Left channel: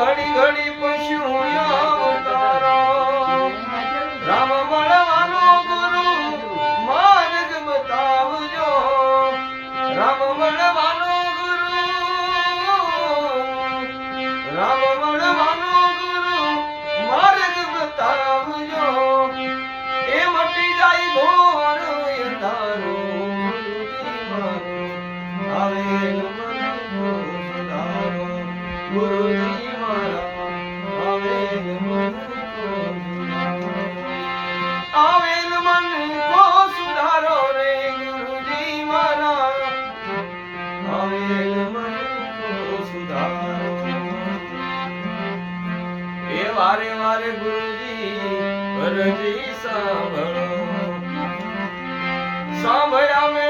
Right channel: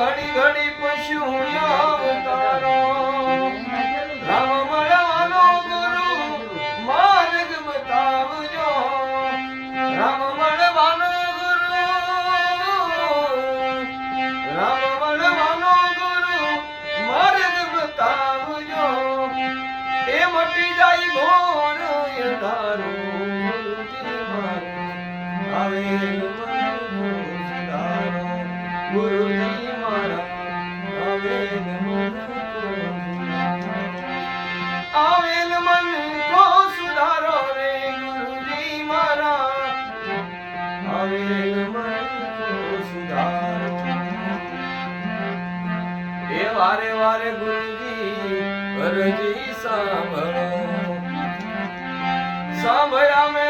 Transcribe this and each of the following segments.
ઘડી ઘડી પશુ વારે વારે ગુરુજી અરજી સાંભળો. સાંભળ્યા મેં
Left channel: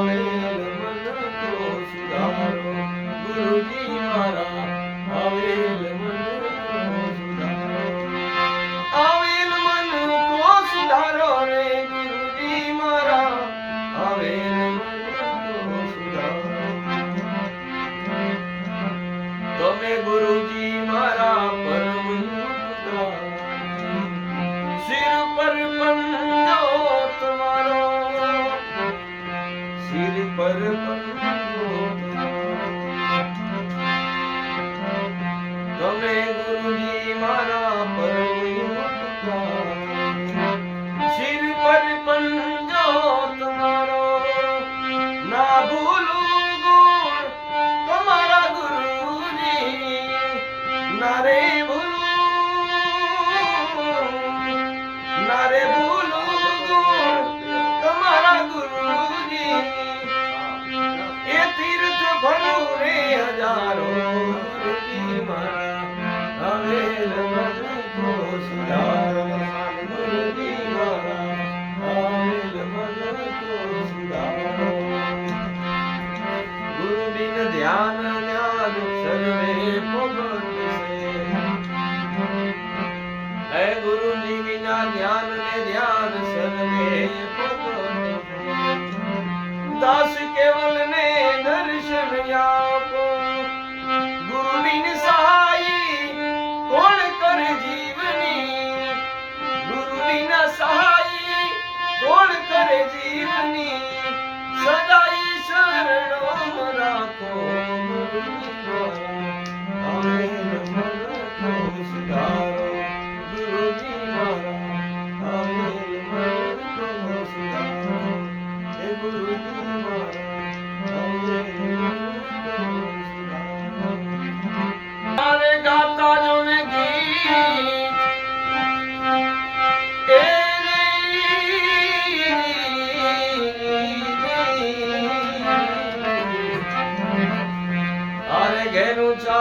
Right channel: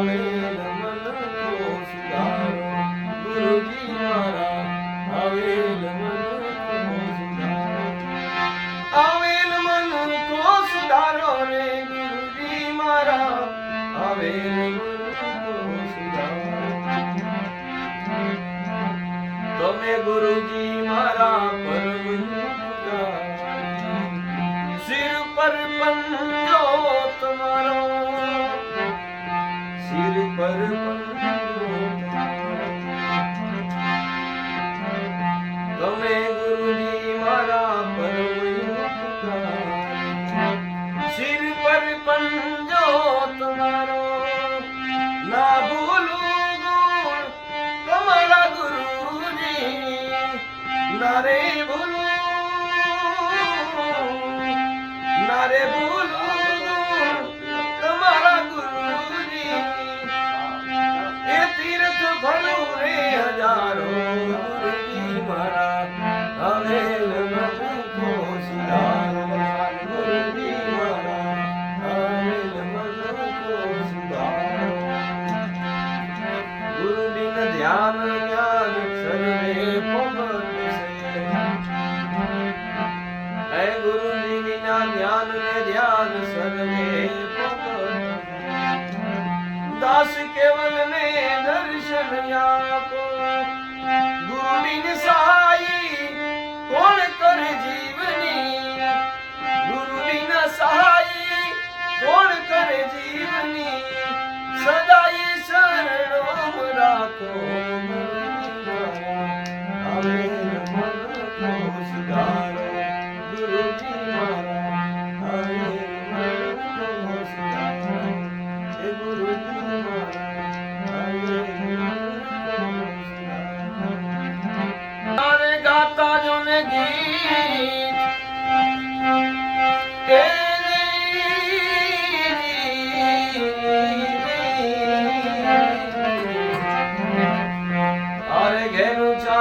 Hallelujah. હજારો હવે ગુરુબિન ધ્યાન જ્ઞાન સર્વે હે ગુરુજી વિના જ્ઞાન ને ધ્યાન સર્વે દાસ કેવલ ને દર્શન આપો.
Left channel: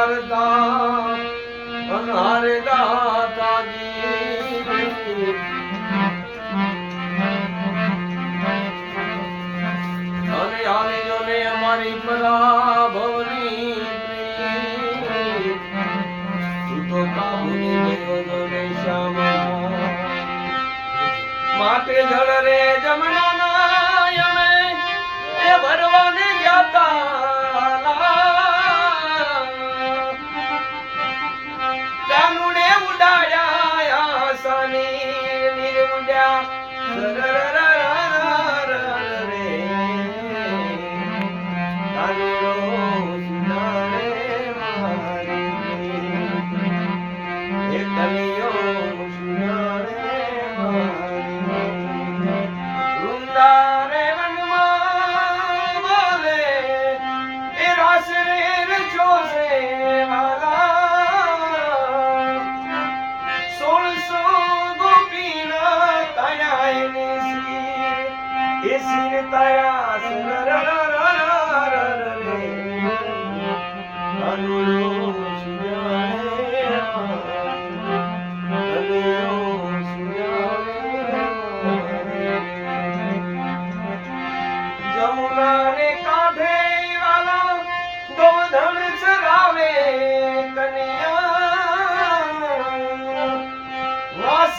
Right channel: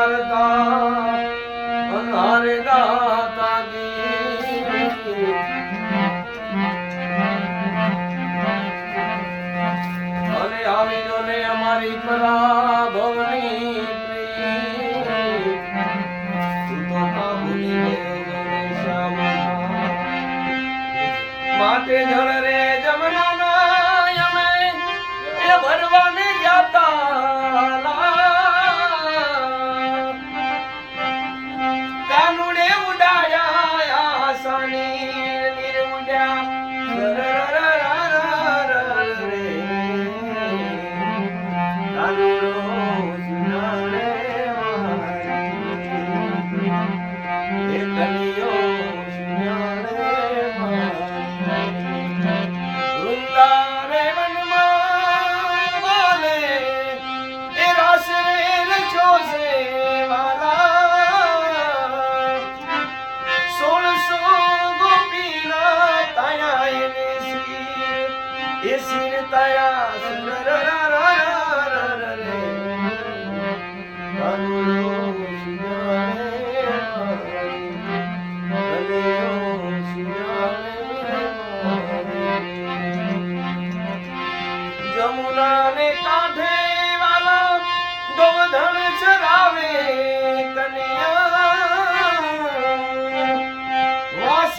કરતા અરે આવી અમારી પરાભવની તું તો કાબુની ગયો જો ને શ્યામા માટે રે જમના ના અમે એ ભરવાને निर्मुजा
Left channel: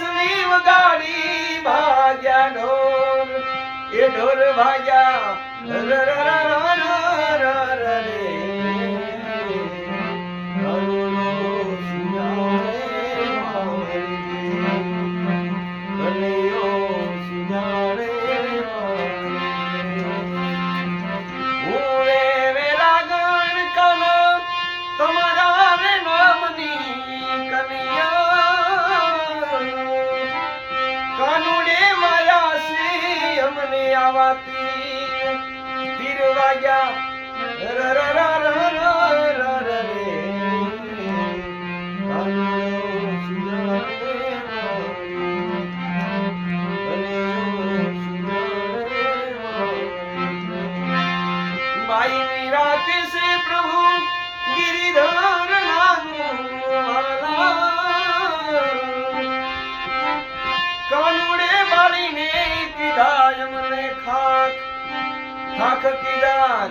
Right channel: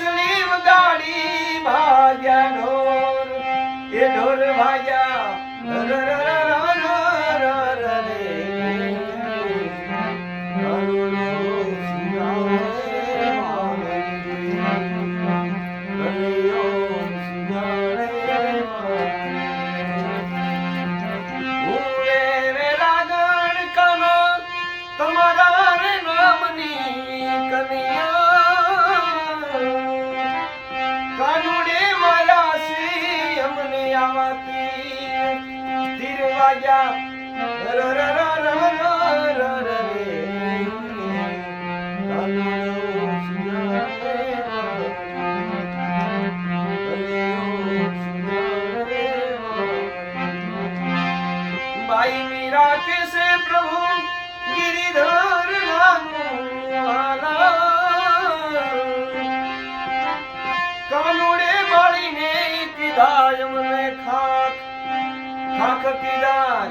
પાછલી ઉદાડી ભાગ્યા ઢોર. એ ઢોર ભાગ્યા. આવાતી તીર વાગ્યા. ગાય મને ખાખ. ખાખ કીધા